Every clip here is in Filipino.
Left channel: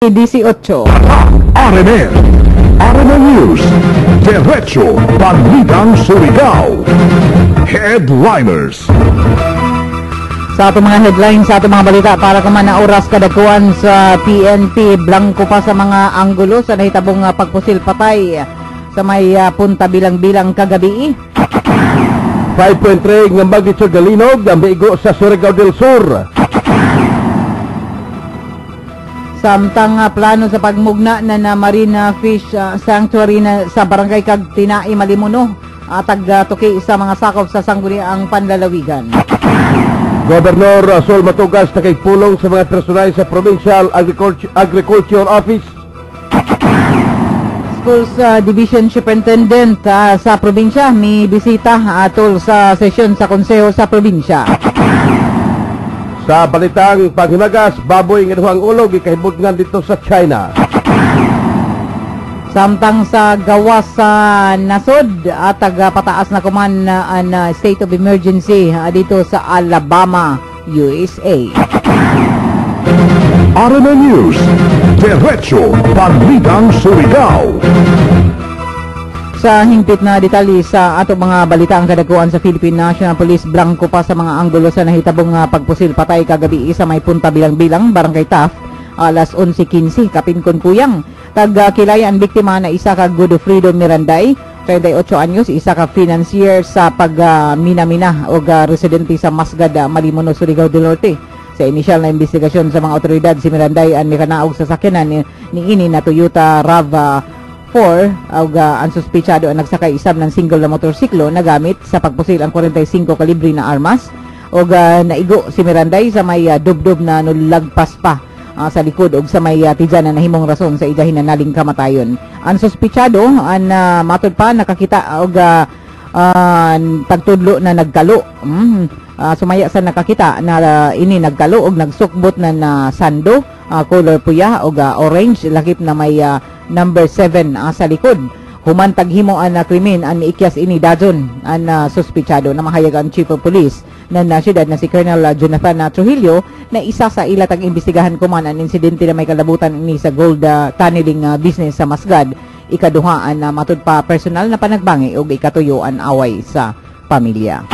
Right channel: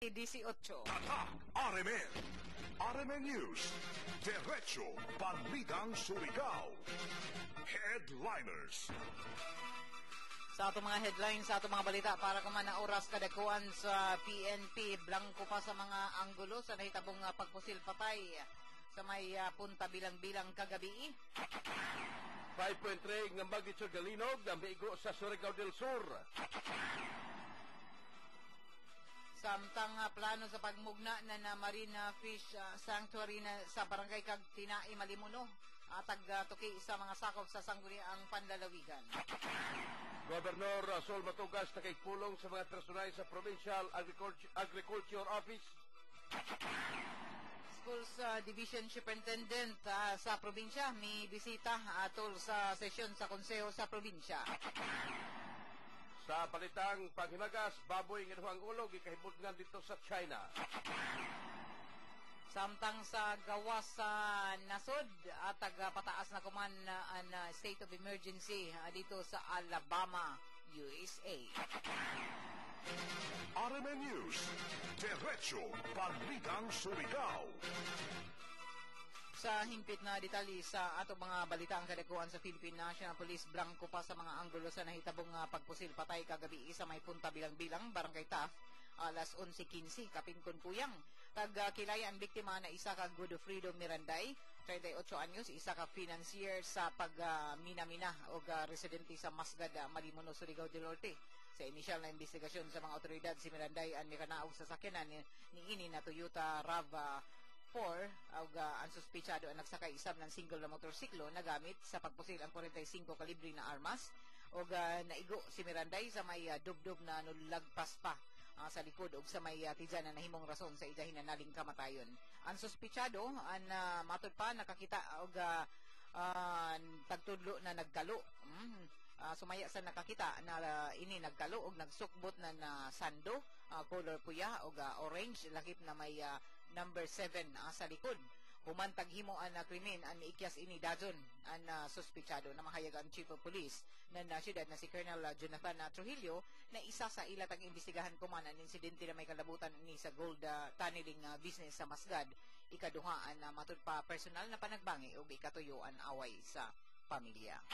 18. RMN News, Diretso Balitang Surigao. Headliners. Sa ato mga headlines, sa ato mga balita para kuman na oras kadagkuan sa PNP, blanco pa sa mga anggulo sa nahitabong pagpusil patay sa may punta bilang-bilang kagabi. 5.3 ng magnitude galinog ang bigo sa Surigao del Sur. Samtang plano sa pagmugna na Marina Fish Sanctuary na sa Barangay Tinai, Malimuno, tagtuki sa mga sakop sa sangguniang panlalawigan. Gobernador Sol Matugas nakikpulong sa mga personal sa Provincial Agriculture Office. Schools Division Superintendent sa probinsya may bisita atol sa sesyon sa konseho sa probinsya. Sa balitang panghimagas, baboy ng inuhang ulog ikahibudngan dito sa China. Samtang sa gawas sa nasod at pataas na kuman ang state of emergency dito sa Alabama, USA. RMN News, Diretso Balitang Surigao. Sa hingpit na detalye sa ato mga balita ang kadagkuan sa Philippine National Police, blanco pa sa mga anggulo sa nahitabong pagpusil patay kagabi sa may punta bilang-bilang Barangay Taft, alas 11:15 kapinkon kuyang. Kilaya ang biktima na isa ka Godofredo Miranday, 38 anyos, isa ka financier sa pag-mina-mina o residente sa Masgad, Malimuno, Surigao del Norte. Sa inisyal na investigasyon sa mga otoridad, si Miranday ang mikanaog sa sakyanan ni ini na Toyota RAV4 ang suspechado ang nagsakay isab ng single na motorsiklo na gamit sa pagpusil ang 45 kalibre na armas o naigo si Miranday sa may dubdob na nulagpas pa sa likod o sa may tijan na nahimong rason sa idahin na naling kamatayon. Ang suspechado ang matod pa nakakita og pagtudlo na nagkalo. Sumaya sa nakakita na ini nagkalo og nagsukbot na sando, color puya o orange, lakip na may number 7 sa likod. Humantag himo ang krimen ang ikyas ini dajon ang suspechado na mahayag ang Chief of Police na syudad na si Colonel Jonathan Trujillo na isa sa ilatag imbestigahan kuman ang insidente na may kalabutan ini sa gold tunneling business sa Masgad. Ikaduha ang matud pa personal na panagbangi o ikatuyo ang away sa pamilya.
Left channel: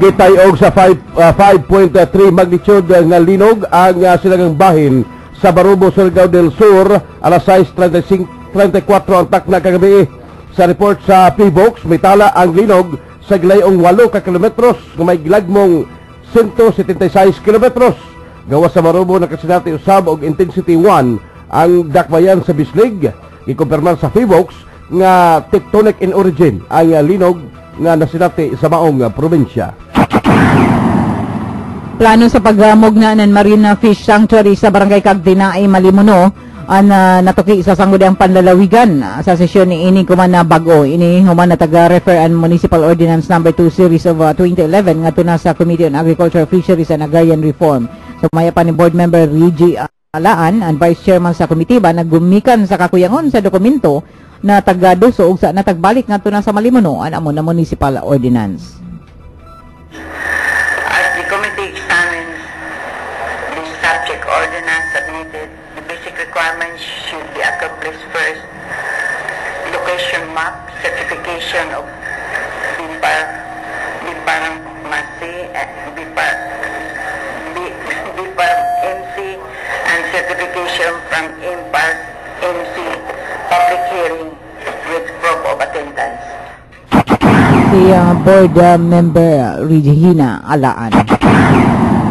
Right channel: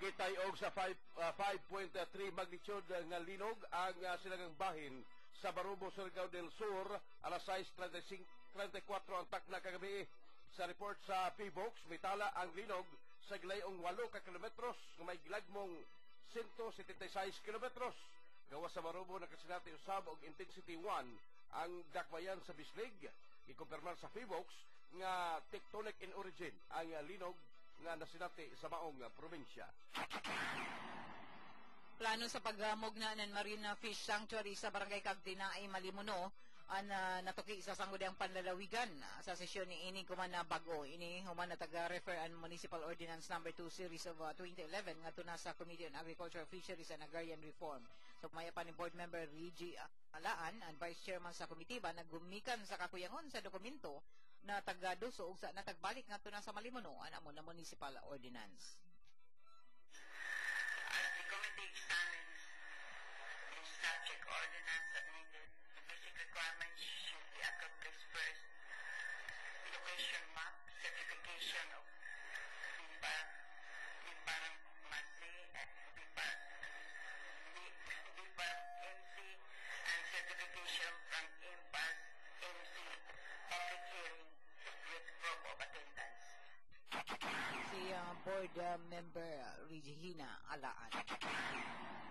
Gitay og sa 5.3 magnitude nga linog ang silangang bahin sa Barubo, Surigao del Sur, alas 6:34 ang takna kagabi. Sa report sa PBOX, may tala ang linog sa gilayong 8 ka kilometros nga may gilagmong 176 kilometros. Gawas sa Barubo nakasinati usab og intensity 1 ang dakbayan sa Bislig. Ikumpirmar sa PBOX nga tectonic in origin ang linog nga nasinati sa maong probinsya. Plano sa pagmugna ng Marina Fish Sanctuary sa Barangay Tinai, Malimuno ang natuki sa sangguniang panlalawigan sa sesyon ni ini kuman na bago ini human na taga-refer ang Municipal Ordinance number 2 series of 2011 nga tuna sa Committee on Agriculture, Fisheries and Agrarian Reform. Sumaya pa ni board member Reggie Alaan ang vice chairman sa komitiba naggumikan sa kakuyangon sa dokumento na taga-duso ug sa natagbalik nga tuna sa Malimuno ang amo na Municipal Ordinance. Subject ordinance submitted, the basic requirements should be accomplished first. Location map, certification of BIPAR MC, and certification from IMPAR MC, public hearing with proof of attendance. Si board member Regina Alaan.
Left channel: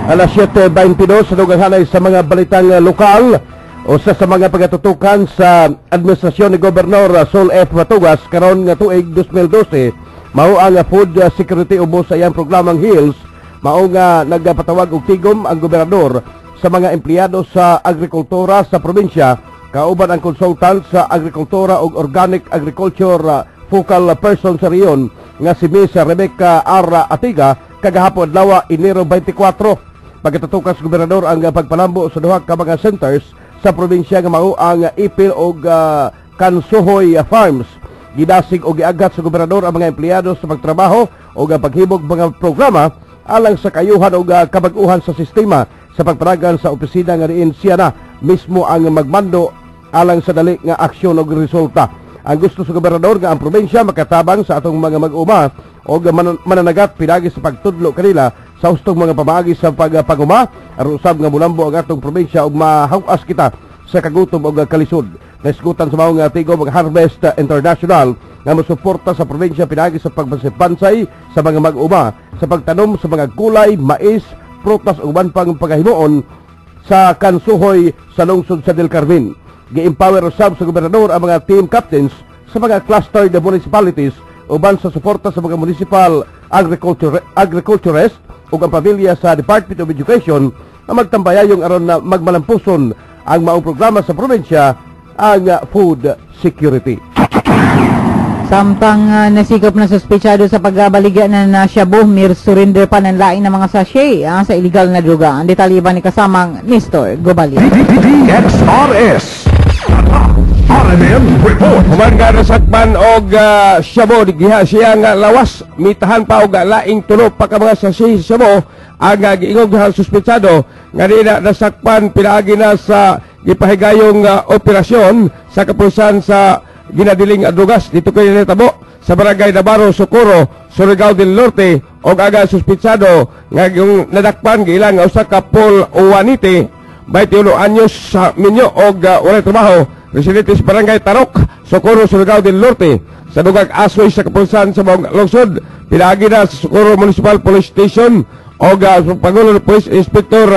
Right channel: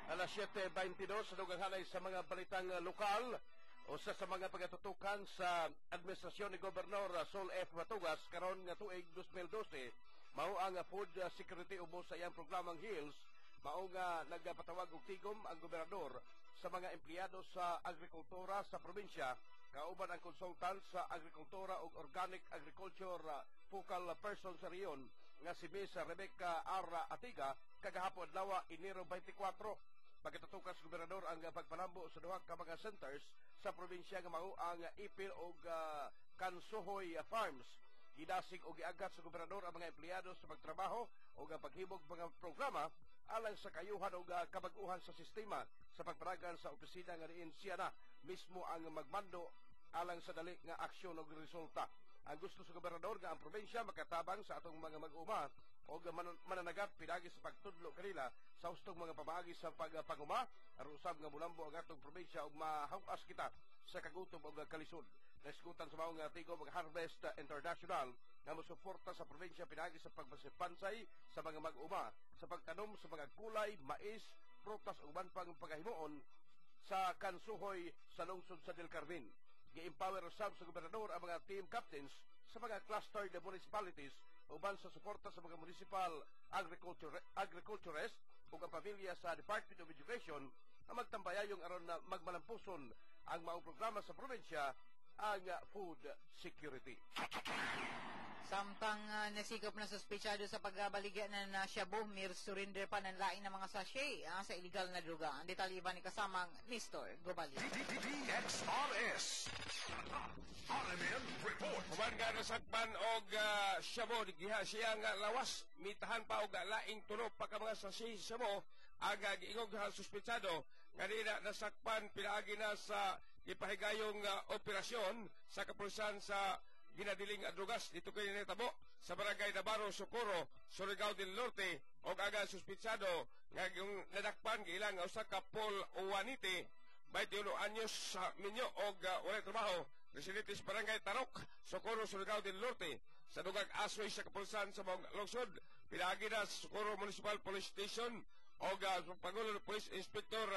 Alas 7:22 sa lugar sa mga balitang lokal o sa mga pagatutukan sa administrasyon ni Gobernador Sol F. Matugas karon nga tuig 2012 mao ang food security ubos sa iyang programang HILS. Mao nga nagpatawag og tigom ang gobernador sa mga empleyado sa agrikultura sa probinsya kauban ang consultant sa agrikultura ug organic agriculture focal person sa riyon nga si Miss Rebecca R. Atiga kagahapon adlaw Enero 24. Pagkatutukas gobernador ang pagpalambo sa duha ka mga centers sa probinsya nga mao ang Ipil og Kansuhoy Farms. Gidasig og giaghat sa gobernador ang mga empleyado sa pagtrabaho o paghibog mga programa alang sa kayuhan o kabag-uhan sa sistema sa pagpanagan sa opisina nga riin siya na mismo ang magmando alang sa dali nga aksyon ug resulta. Ang gusto sa gobernador nga ang probinsya makatabang sa atong mga mag-uma o mananagat pinagi sa pagtudlo kanila sa hustong mga pamaagi sa paguma aron usab nga mulambo ang atong probinsya ug mahawas kita sa kagutom ug kalisod. Naisgutan sa mga tigo mag-Harvest International nga mosuporta sa probinsya pinagi sa pagpansay sa mga mag-uma sa pagtanom sa mga gulay, mais, prutas ug uban pang pagahimuon sa kansuhoy sa lungsod sa Del Carmen. Gi-empower usab sa gobernador ang mga team captains sa mga clustered municipalities uban sa suporta sa mga municipal agriculturist ug ang pamilya sa Department of Education na magtambayayong aron na magmalampuson ang maong programa sa probinsya ang food security. Samtang nasikop na suspetsado sa pagbaliga na Shabu, surrender pa ng laing ng mga sachet sa illegal na droga. Ang detalye ba ni kasamang Nestor Gobalia? DXRS RMN Report. Human nga nasakman og Shabu, diha siya nga lawas, mitahan pa og laing tulo pa ka mga sachet sa Shabu ang giingog sa suspetsado nga di na nasakpan pinaagi na sa gipahigayong operasyon sa kapulisan sa ginadiling drugas dito kay natabo sa barangay Navarro, Socorro, Surigao del Norte og aga suspitsado nga yung nadakpan giilang usa ka Paul Uwanite 21 anyos sa minyo og walay trabaho, residente sa barangay Tarok, Socorro, Surigao del Norte sa dugag asoy sa kapulisan sa mga lungsod pinaagi na sa Socorro Municipal Police Station og Pangulo Police Inspector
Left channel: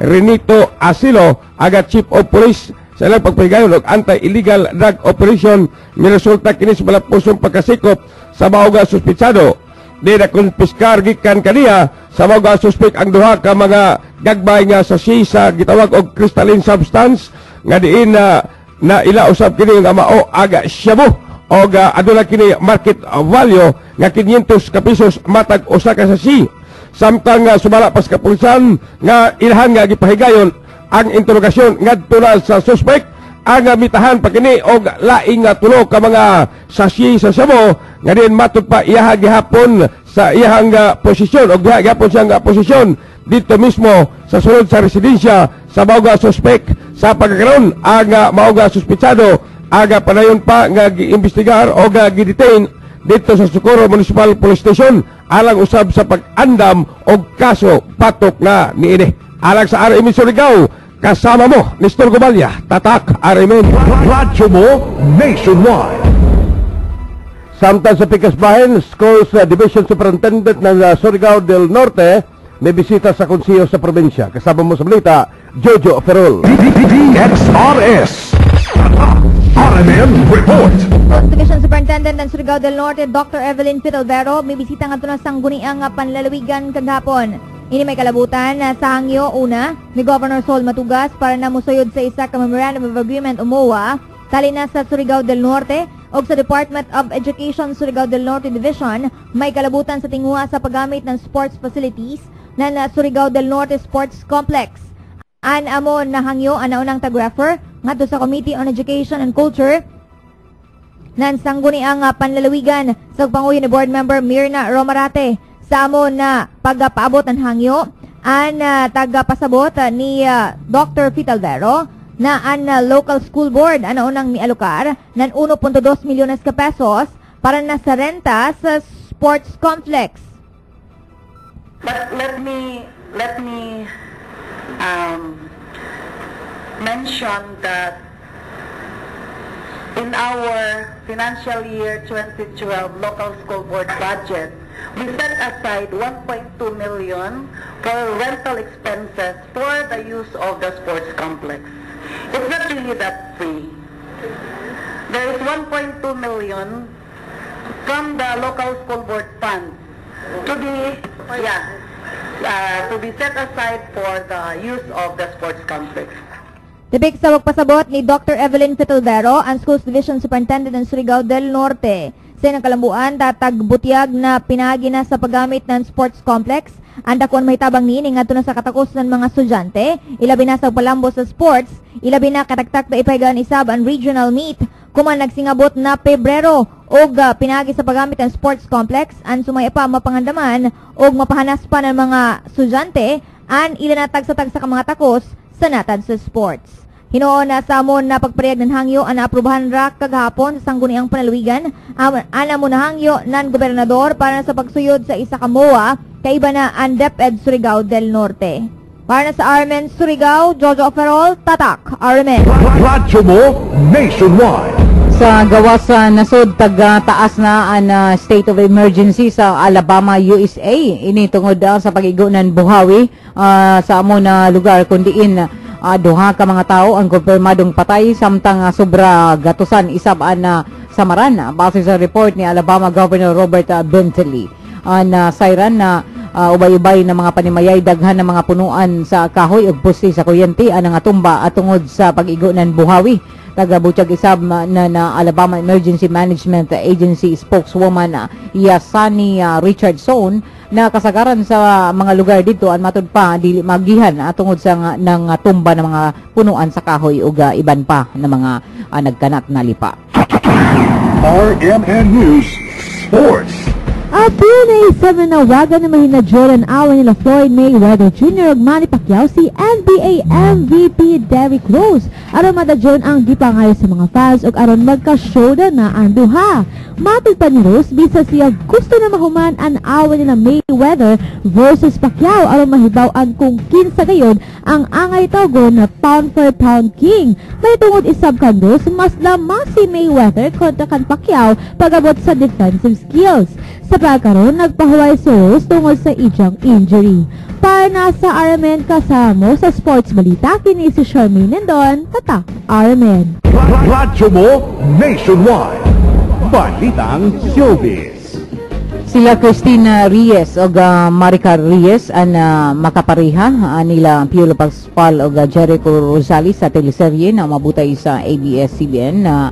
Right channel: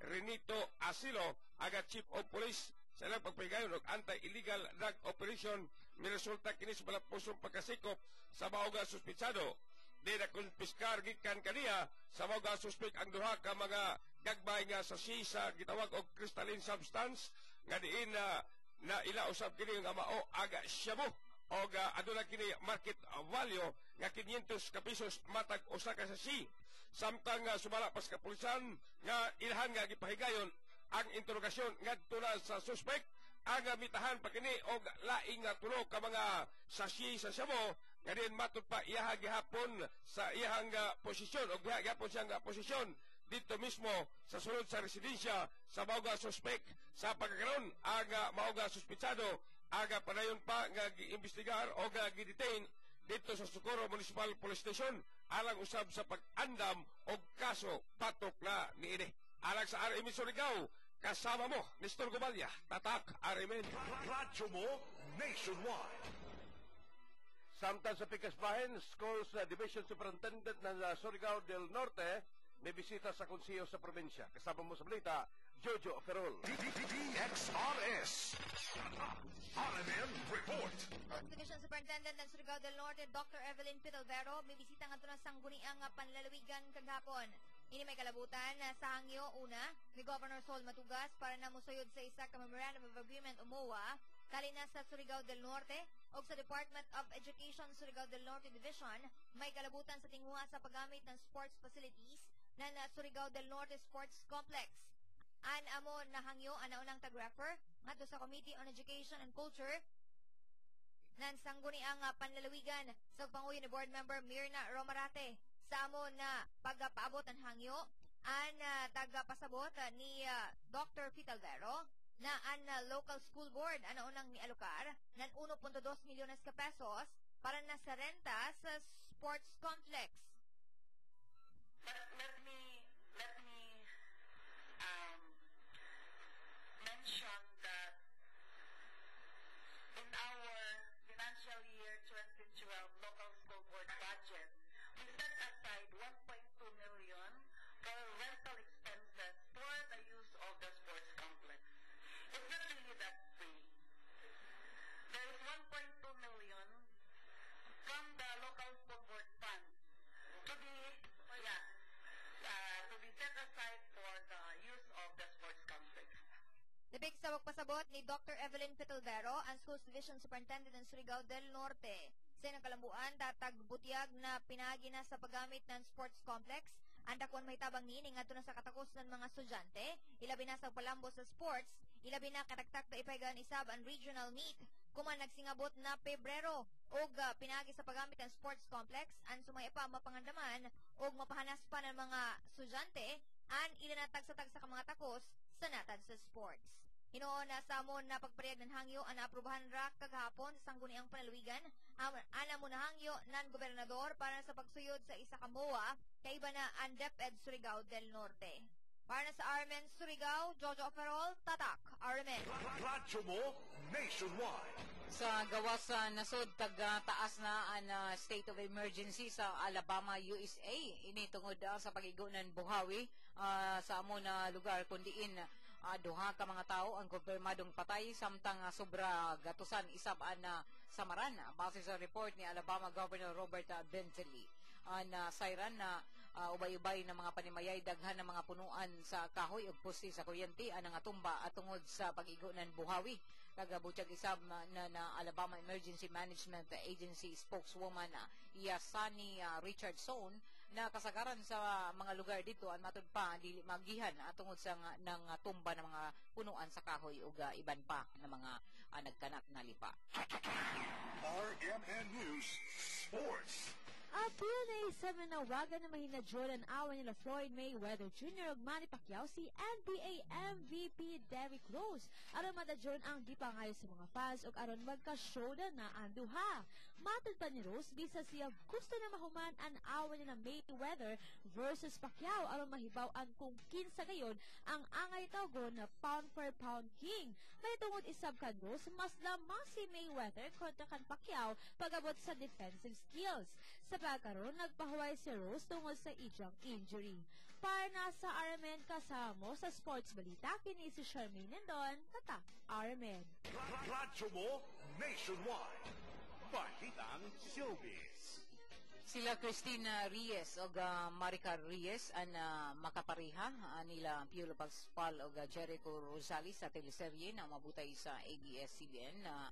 Renito Asilo aga Chief of Police sa ilang pagpahigayon og anti-illegal drug operation miresulta kini sa malapusong pagkasikop sa mga suspitsado. Di na konpiskar gikan kaniya sa mga suspek ang duha ka mga gagbay nga sa sa gitawag og crystalline substance nga diin na ila usab kini nga mao aga Shabu og aduna kini market value nga 500 ka pesos matag usa ka sachet. Samtang sumala pas kapulisan nga ilhan nga gipahigayon ang interogasyon ngadto na sa suspect ang mitahan pa kini og laing tulo ka mga sachet sa Shabu nga din matud pa iyaha gihapon sa iyahang posisyon og gihapon siyang posisyon dito mismo sa sulod sa residensya sa mga suspect sa pagkakaroon ang mga suspetsado aga panayon pa nga giimbestigar o gidetain dito sa Socorro Municipal Police Station alang usab sa pag-andam og kaso patok na niini. Alang sa RMN Surigao, kasama mo, Nestor Gobalia, Tatak, RMN. Radyo mo nationwide. Samtang sa Pikasbahin, Schools Division Superintendent ng Surigao del Norte may bisita sa konsiyo sa probinsya. Kasama mo sa balita, Jojo Ferrol. DXRS RMN Report. Division Superintendent ng Surigao del Norte, Dr. Evelyn Fitalvero, may bisita nga ito ng sangguniang panlalawigan kagahapon. Ini may kalabutan sa hangyo una ni Governor Sol Matugas para na musuyod sa isa ka Memorandum of Agreement UMOA tali na sa Surigao del Norte o sa Department of Education Surigao del Norte Division may kalabutan sa tinguha sa paggamit ng sports facilities ng Surigao del Norte Sports Complex. An amo na hangyo anaunang tag-refer ngadto sa Committee on Education and Culture nan sangguniang panlalawigan sa panguyo ni Board Member Mirna Romarate sa amo na pagpaabot ng hangyo an tagapasabot ni Dr. Fitalvero na an local school board ano unang mialokar ng 1.2 milyones ka pesos para na sa renta sa sports complex. But let me mention that in our financial year 2012 local school board budget, we set aside 1.2 million for rental expenses for the use of the sports complex. It's not really that free. There is 1.2 million from the local school board fund to be set aside for the use of the sports complex. Tibik sa pagpasabot ni Dr. Evelyn Fitalvero, ang Schools Division Superintendent ng Surigao del Norte. Sa nakalambuan, tatagbutyag na pinagi na sa paggamit ng sports complex. Ang dakuan may tabang nining nga na sa katakos ng mga estudyante, ilabi na sa palambo sa sports, ilabi na kataktak na ipahigaan isab ang regional meet, kuman nagsingabot na Pebrero, og pinagi sa paggamit ng sports complex, ang sumaya pa mapangandaman, og mapahanas pa ng mga estudyante, ang ilanatag sa mga takos sa natad sa sports. Hinoon na sa amon na pagparehag ng hangyo ang naaprubahan ra kagahapon sa sangguniang panalawigan. Ana mo na hangyo ng gobernador para sa pagsuyod sa isa ka MOA kaiba na ang DepEd Surigao del Norte. Para sa Armen Surigao, Jojo Ferrol, Tatak, Armen. Radyo mo nationwide. Sa gawas sa nasod taas na ang state of emergency sa Alabama, USA. Ini tungod sa pag-igo ng buhawi sa amo na lugar kundiin duha ka mga tao ang kumpirmadong patay samtang sobra gatusan isab na samaran base sa report ni Alabama Governor Robert Bentley. Sayran na ubay-ubay na mga panimayay daghan ng mga punuan sa kahoy ug poste sa kuryente ang tumba at tungod sa pag-igo ng buhawi. Tagabutyag isab na Alabama Emergency Management Agency spokeswoman Yasani Richardson na kasagaran sa mga lugar dito ang matud pa dili magihan tungod sa ng tumba ng mga punuan sa kahoy ug iban pa na mga nagkanat na lipa. RMN News Sports. Brunei 7 nawagan na mahinadyoran awan nila Floyd Mayweather Jr. ug Manny Pacquiao si NBA MVP Derrick Rose aron madadyon ang gipangayo sa mga fans ug aron magka-showdown na ang duha. Matod pa ni Rose bisa siya gusto na mahuman ang awan nila Mayweather versus Pacquiao aron mahibaw-an kung kinsa gayud ang angay tawgon na pound for pound king. May tungod isab kan Rose mas lamang si Mayweather kontra kan Pacquiao pag-abot sa defensive skills. Sa pagkaroon, nagpahuway si Rose tungod sa iyang injury. Para na sa RMN kasamo sa sports balita, kini si Charmaine Nendon, Tatak RMN. Radyo mo nationwide. Balitang Showbiz. Sila Christina Reyes o Maricar Reyes ang makapareha nila Piolo Pascual o Jericho Rosales sa teleserye na mabutay sa ABS-CBN na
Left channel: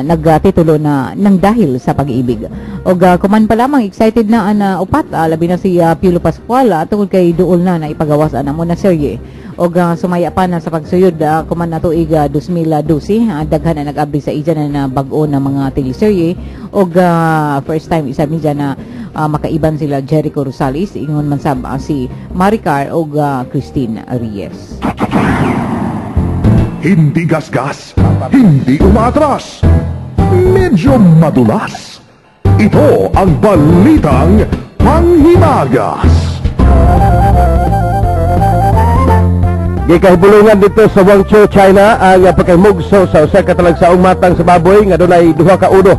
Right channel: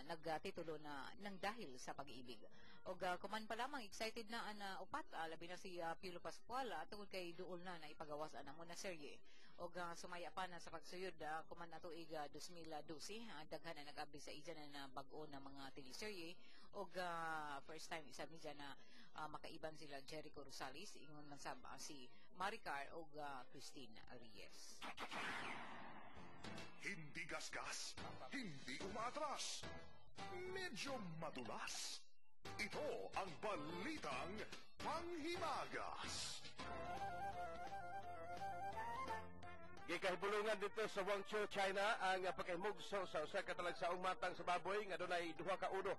nagtitulo na nang dahil sa pag-ibig. O kuman pa lamang excited na ang upat, labi na si Piolo Pascual tungkol kay duol na ipagawas mo na serye. O sumaya pa na sa pagsuyod kuman na tuig 2012, daghan na nag-abri sa iya na bag-o na mga teleserye. O first time isa midya na makaiban sila Jericho Rosales, ingon man sab si Maricar o Christine Reyes. Hindi gasgas, hindi umatras, medyo madulas. Ito ang balitang panghimagas. Gikahibulungan dito sa Guangzhou, China ang pagkahimugso sa usa ka talagsaong matang sa baboy nga dunay 2 ka uno.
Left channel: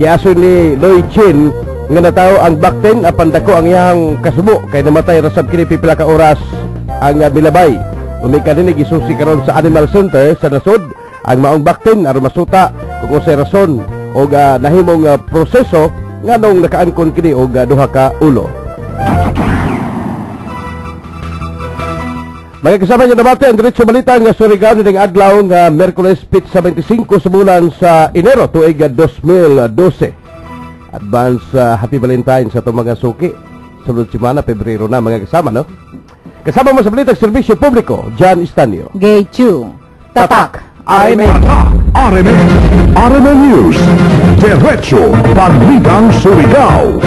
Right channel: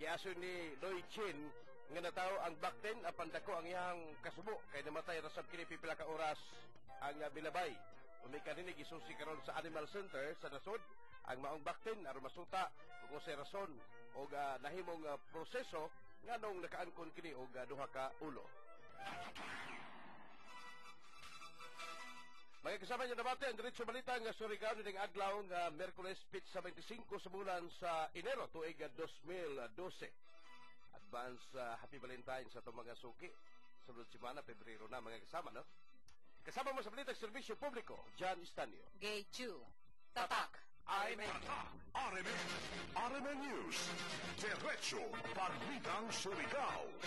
Giaso ni Loy Chin nga natawo ang bakten apan dako ang iyang kasubo kay namatay rasab kini pipila ka oras ang bilabay. Umika din gisusi karon sa Animal Center sa nasod ang maong bakten aron masuta kung unsay rason o nahimong proseso nganong nakaangkon kini og 2 ka ulo. Mga kasama niyo debate ang diretso balita nga Surigao ning adlaw nga Miyerkules 25 sa bulan sa Enero tuig 2012. Advance Happy Valentine sa itong mga suki. Sunod semana Pebrero na mga kasama, no? Kasama mo sa balitang serbisyo publiko, John Estanio. Gay Chu, Tatak RMN. RMN News. Diretso Balitang Surigao.